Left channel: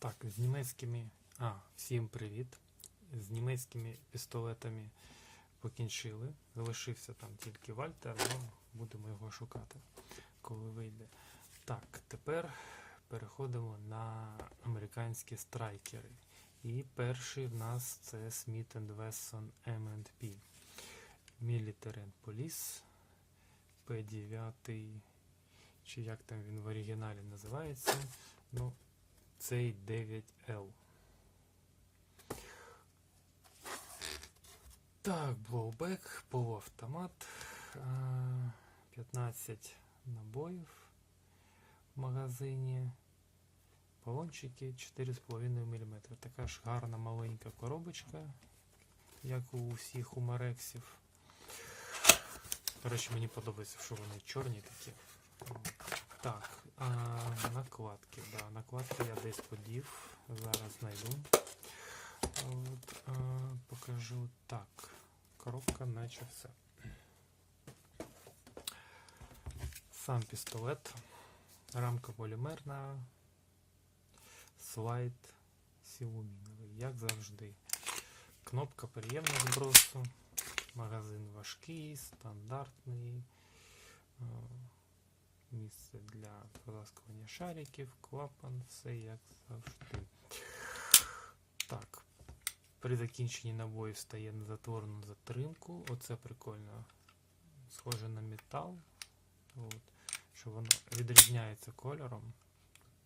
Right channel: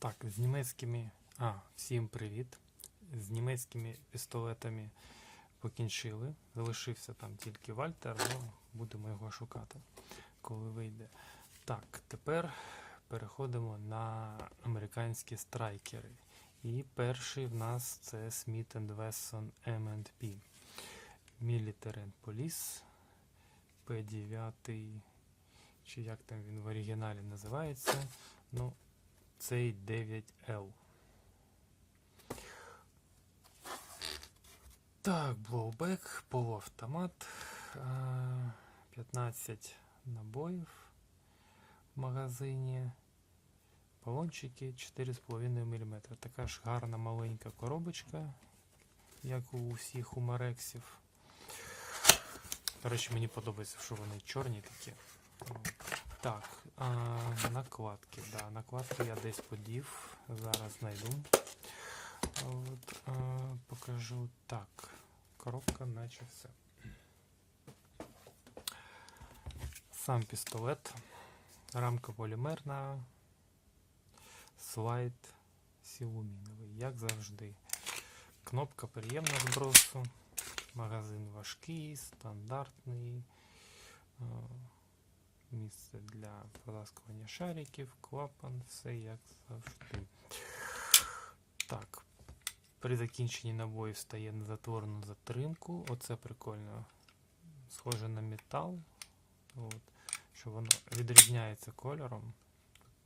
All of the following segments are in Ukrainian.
Так, з німецькими. А, всім привіт. З німецькими пістолетами покінчили. Залишився там тільки Вальтер, але будемо його шукати, коли вийде. Так, тепер переходимо на американські страйкери. І перший в нас це Smith Wesson M&P. Military and Police. P9, чи як там він в оригіналі називається. Ну, цей 9L. Так, блоубек, полуавтомат, 15 набоїв в магазині. Балончики 4,5 мм. Така ж гарна маленька коробочка, як у всіх у Марексів. До речі, мені подобається, що вони чорні такі. Так, а, накладки. Да, накладки я десь подів. Зараз знайду. От, а, покажу. Так, коробка наче все. Сам пістолет. Рамка полімерна. Слайд силуміновий, як завжди. Кнопка приємного збросу. Магазин важкий, стандартний. Місце для приласкування шариків, клапан, все як завжди. Так. При закінченні набою стає на затворну затримку. Оце прикольно. Схоже на метал. От. Що воно відрізняється кольором.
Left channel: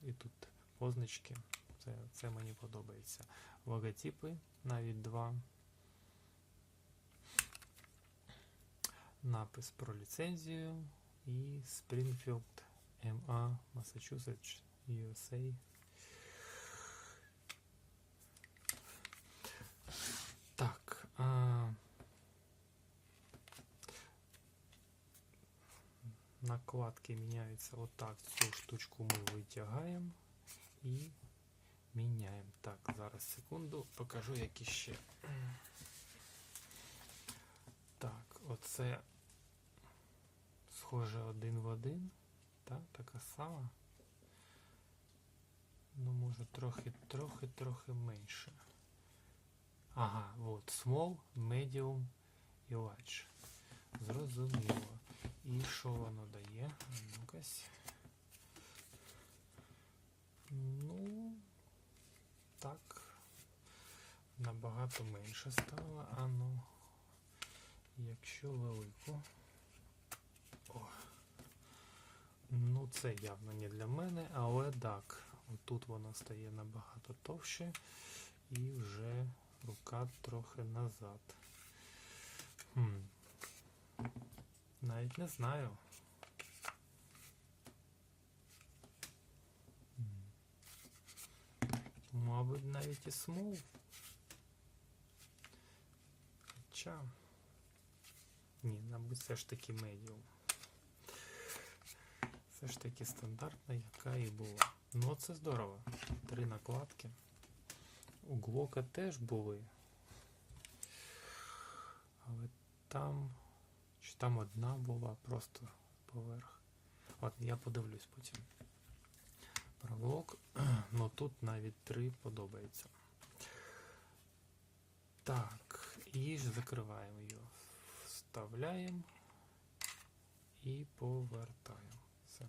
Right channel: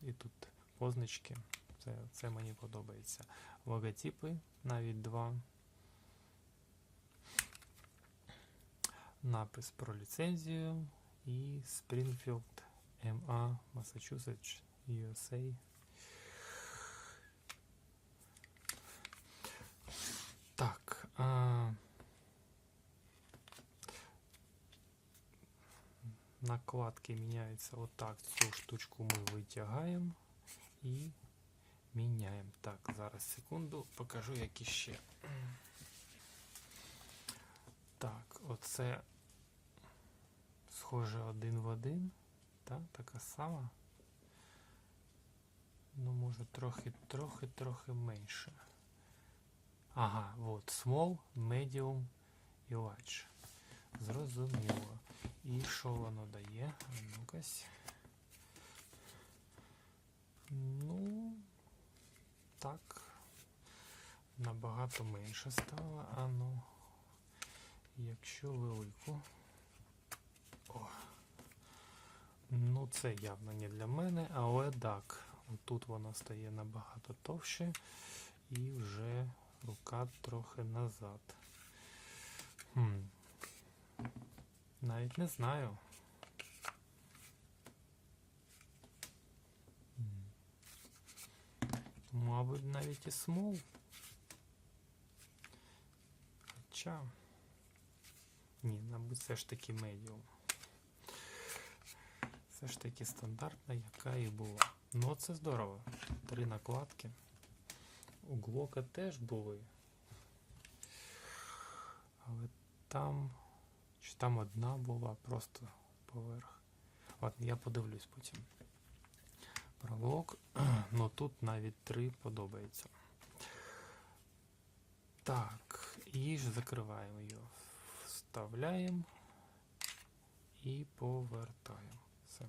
І тут позначки. Це, це мені подобається. Логотипи навіть два. Напис про ліцензію і Springfield MA Massachusetts USA. Так. А... Накладки міняються отак. Цю штучку ми витягаємо і міняємо. Так, зараз секунду, покажу, які ще. Так, оце схоже один в один. Так, така сама. Ну, може трохи, трохи, трохи менше. Ага, от small, medium і large. Зрозуміло. І що воно дає? Ну-кась. Ну, так. Набагато менше стало. А ну, якщо велику. О. Ну, це явно не для мене, але так. Тут вона стає набагато товще і вже рука трохи назад. Хм. Навіть не знаю. Мабуть, навіть і смол. Хоча. Ні, мабуть, все ж таки медіум. Все ж таки стандартна, яка і була. Ну, це здорово. Три накладки. У Глока теж були. Але там. Чи там одна була просто поверх. От я подивлюсь потім. Про Глок. Ну тут навіть три подобається. Так, і ж закриваємо його. Вставляємо і повертаємо. Все.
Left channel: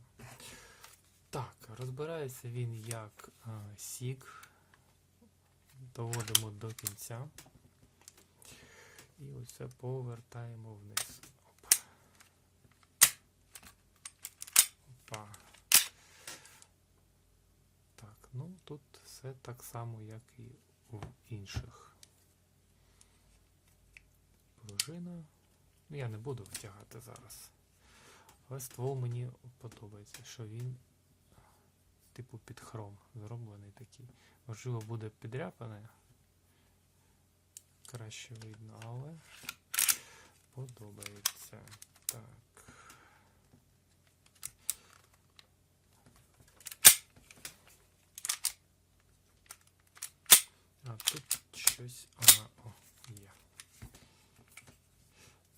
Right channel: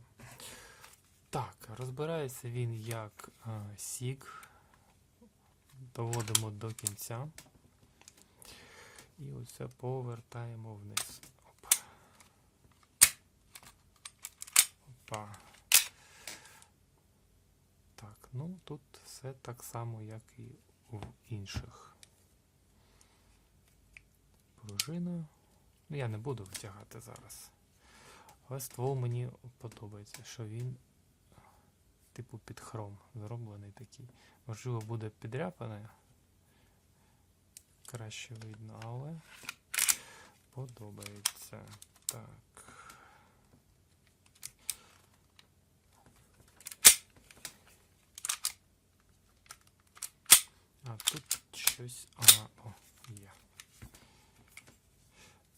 Так, розбирається він як а, сік. Доводимо до кінця. І оце повертаємо вниз. Опа. Опа. Так, ну тут все так само, як і у інших. Пружина. Ну, я не буду витягати зараз. Але ствол мені подобається, що він типу під хром зроблений такий. Можливо, буде підряпане. Краще видно, але подобається. Так. А тут щось. Ага, о, є.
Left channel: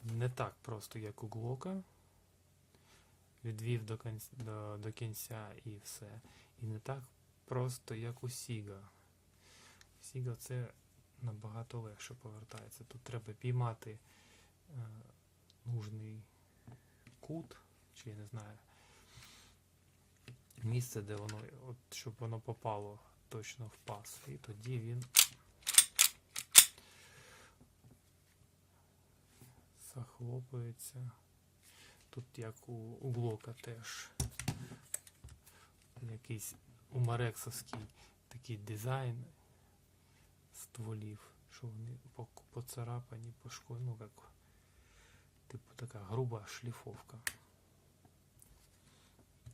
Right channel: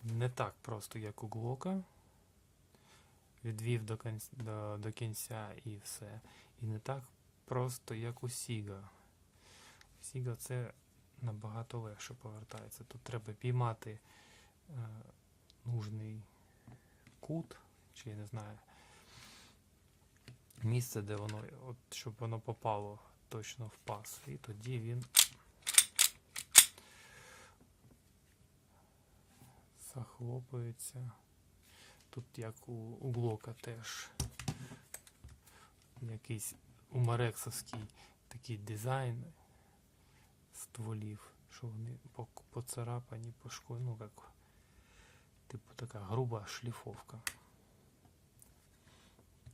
Не так просто, як у Глока. Відвів до кінця, до, до кінця і все. І не так просто як у Сіга. Сіга це набагато легше повертається. Тут треба піймати е, нужний кут, чи я не знаю, місце, де воно, от, щоб воно попало точно в пас. І тоді він захлопується. Тут як у, у блока теж якийсь у Марексовський такий дизайн стволів, що вони по- поцарапані, пошкоджені, ну як типу така груба шліфовка.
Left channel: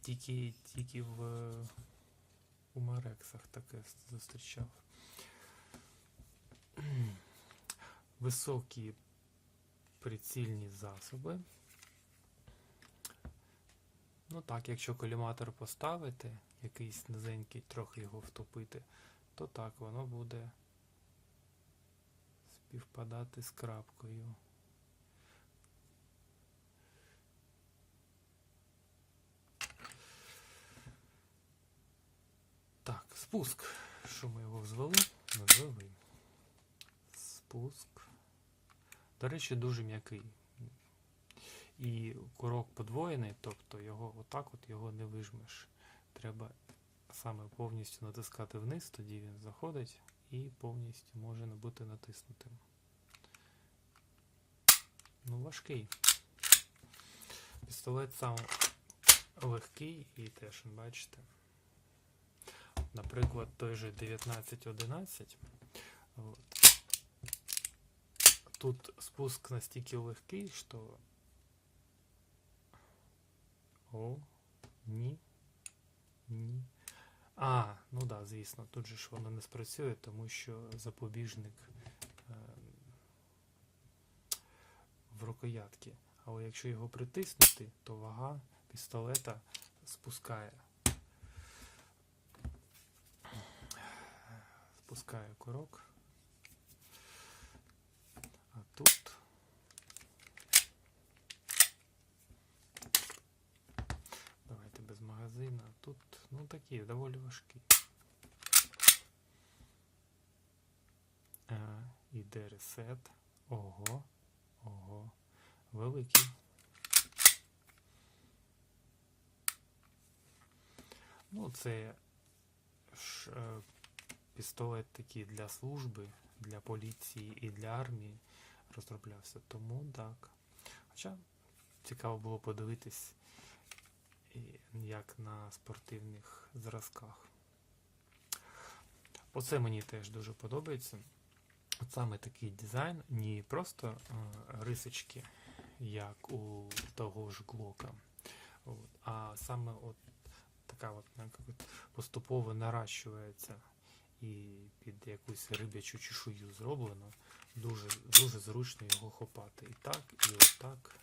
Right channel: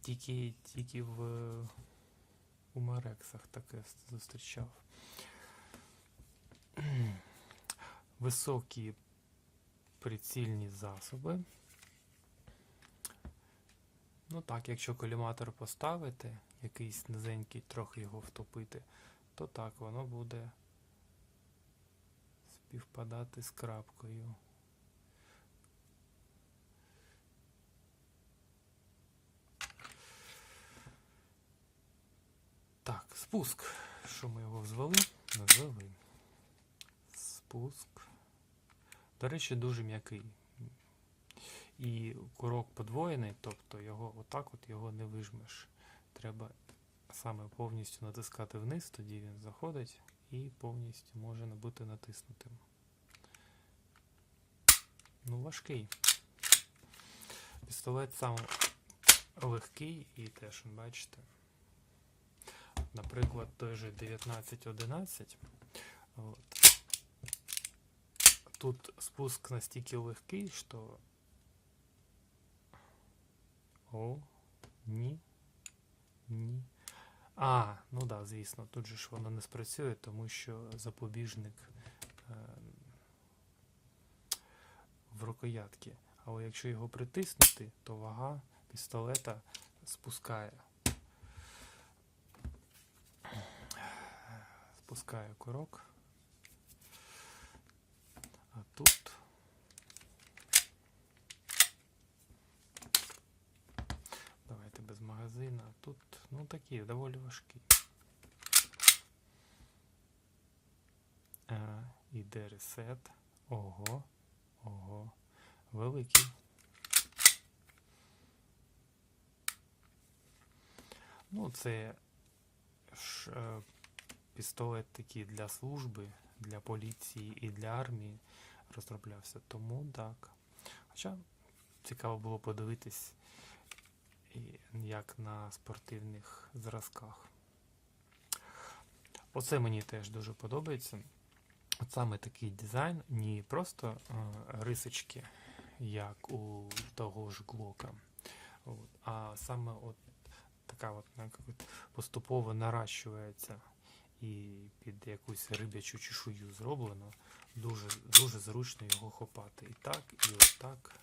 Тільки, тільки в у Марексах таке зустрічав. Високі прицільні засоби. Ну так, якщо коліматор поставити, якийсь низенький, трохи його втопити, то так воно буде співпадати з крапкою. Так, спуск. Що ми його взвели? Взвели. Спуск. До речі, дуже м'який. І курок подвоєний, тобто його отак от його не вижмеш. Треба саме повністю натискати вниз, тоді він заходить і повністю може бути натиснутим. Ну, важкий. Пістолет сам легкий і теж, бачите. Наприклад, той же 1911. От. Тут спуск настільки легкий, що. О, ні. Ні. А, ну так, да, звісно, тут же ж воно не спрацює, тому що запобіжник е, в рукоятці. Але якщо його притиснути, то вага пістолета спускає. Спускає курок. А тут давайте без магазина. Тут, ну такі, доволі важкі. А, іде ресет. Ого, ого, великий. Ну, це ж е, пістолет такий для служби, для поліції і для армії розроблявся. Тому так. Хоча цікаво було подивитись, як на спортивних зразках. Оце мені теж дуже подобається. От саме такий дизайн, не просто е, рисочки, як у того ж Глока, от, а саме от така от, от поступово наращується і під якусь рибячу чешую зроблено. Дуже, дуже зручно його хопати. І так, і отак.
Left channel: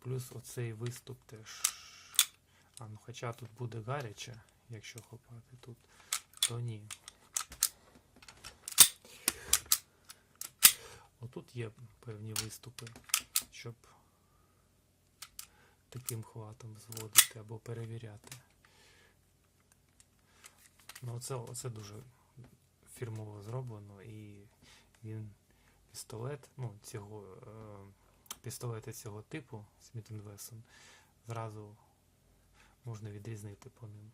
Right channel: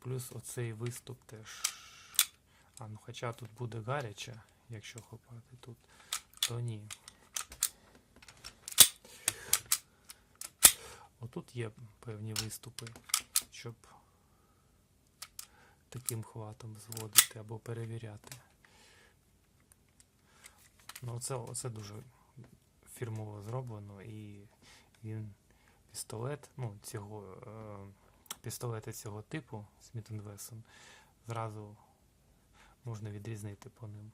Плюс оцей виступ теж. А, ну хоча тут буде гаряче, якщо хопати тут, то ні. Отут є певні виступи, щоб таким хватом зводити або перевіряти. Ну, оце, оце дуже фірмово зроблено і він пістолет, ну, цього, е, пістолети цього типу Smith Wesson зразу можна відрізнити по ним.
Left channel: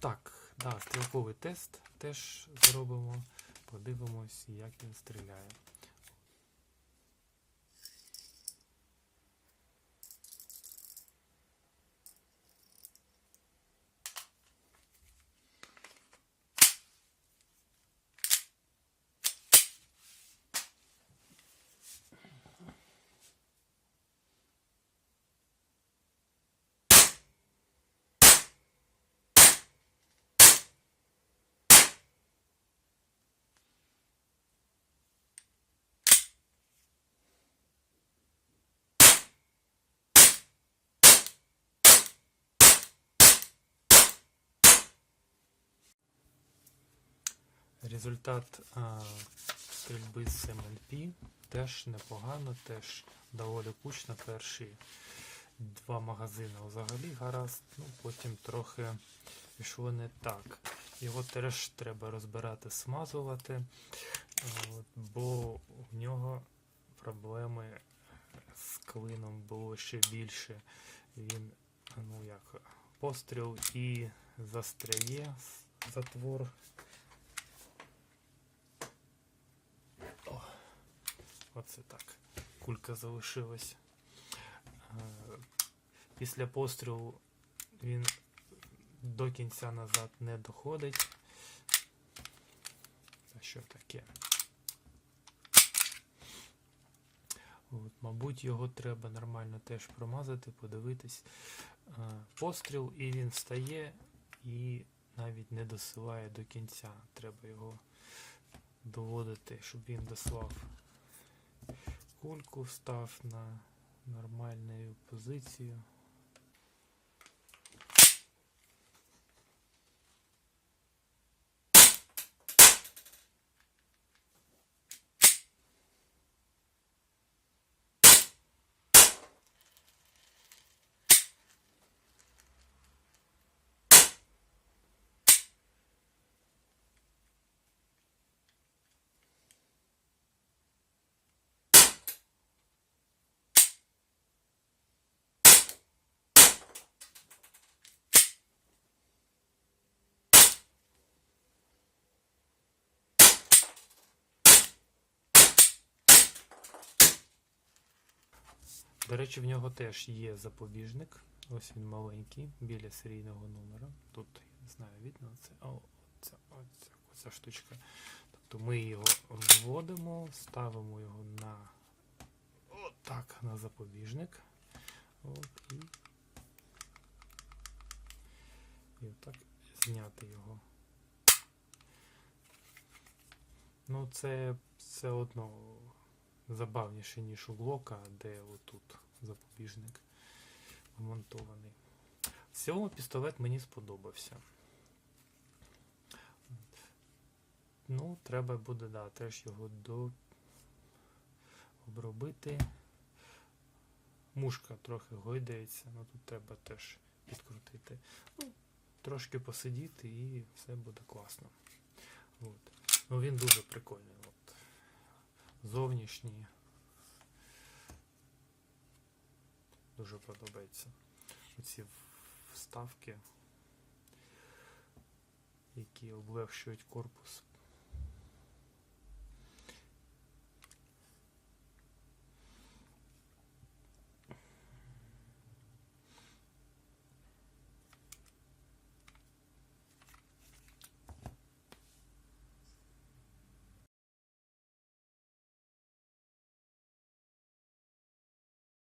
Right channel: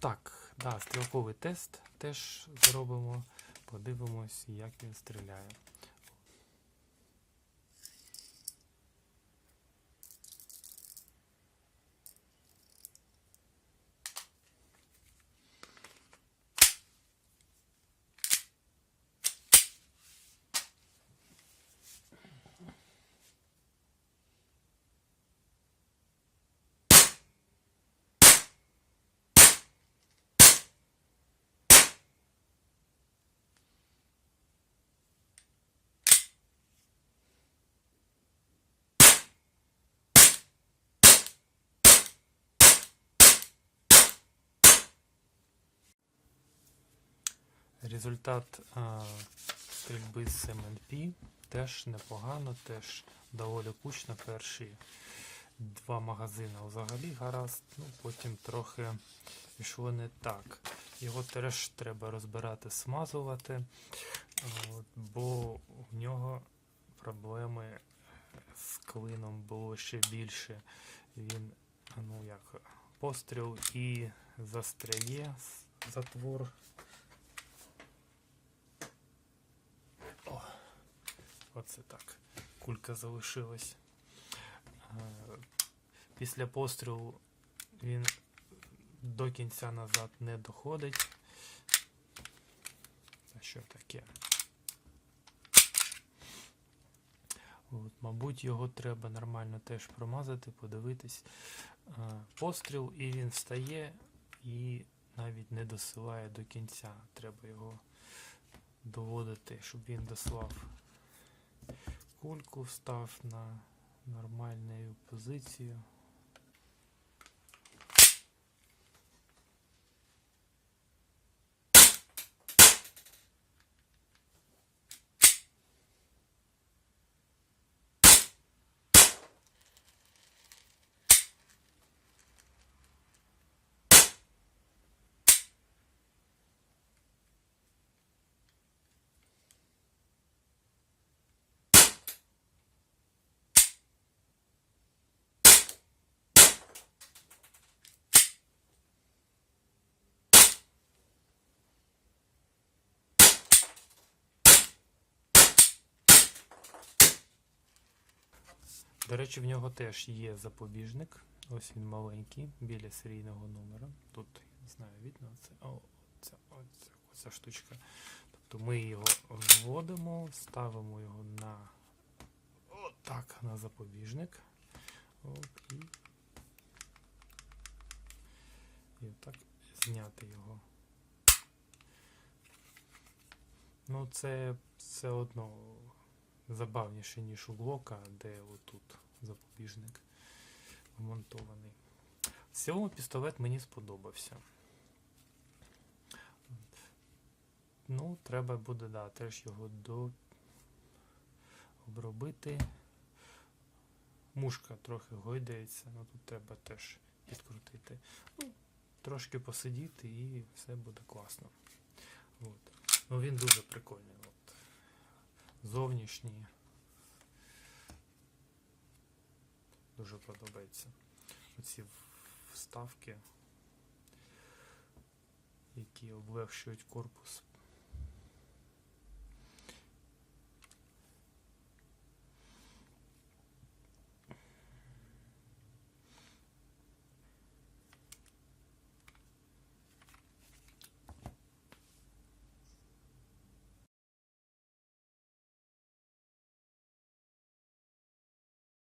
Так, да, стрілковий тест теж зробимо. Подивимось, як він стріляє. Результат а, стрільби з МНП теж непогано, теж доволі кучно перші два магазини взагалі гаразд, ну потім трохи пішло не так. Його теж треба розбирати, смазувати, от, бо в нього проблеми з клином було ще більше. Він, ну як, постріл і застряє затвор. Оце так. Кулька залишилась. Е, Після пострілу він до кінця назад не доходить. Та що таке? От, мабуть, його треба нормально теж промазати, подивитись. Е, Постріл, і він встає і навіть не досилає до кінця. Треба його доводити, щоб він дослав кульку, став на нормальну позицію. До речі, в нього теж є запобіжник. Ось він маленький, біля серійного номера. Тут, я не знаю, видно це. О, оця, оця, оця штучка. Тобто ми його вводимо, ставимо його на отак, на запобіжник. От, і, і отак зняти його. Ну, це все одно забавніше, ніж у блока, де отут запобіжник вмонтований. В цілому пістолет мені сподобався. Ну, треба буде, да, теж його до... обробити. Мушка трохи гойдається, ну тут треба теж підкрутити. Ну, трошки посидіти і все буде класно. От. Ну він дуже прикольний. От. Зовнішній. Дуже подобається. Оці вставки, які облегшують корпус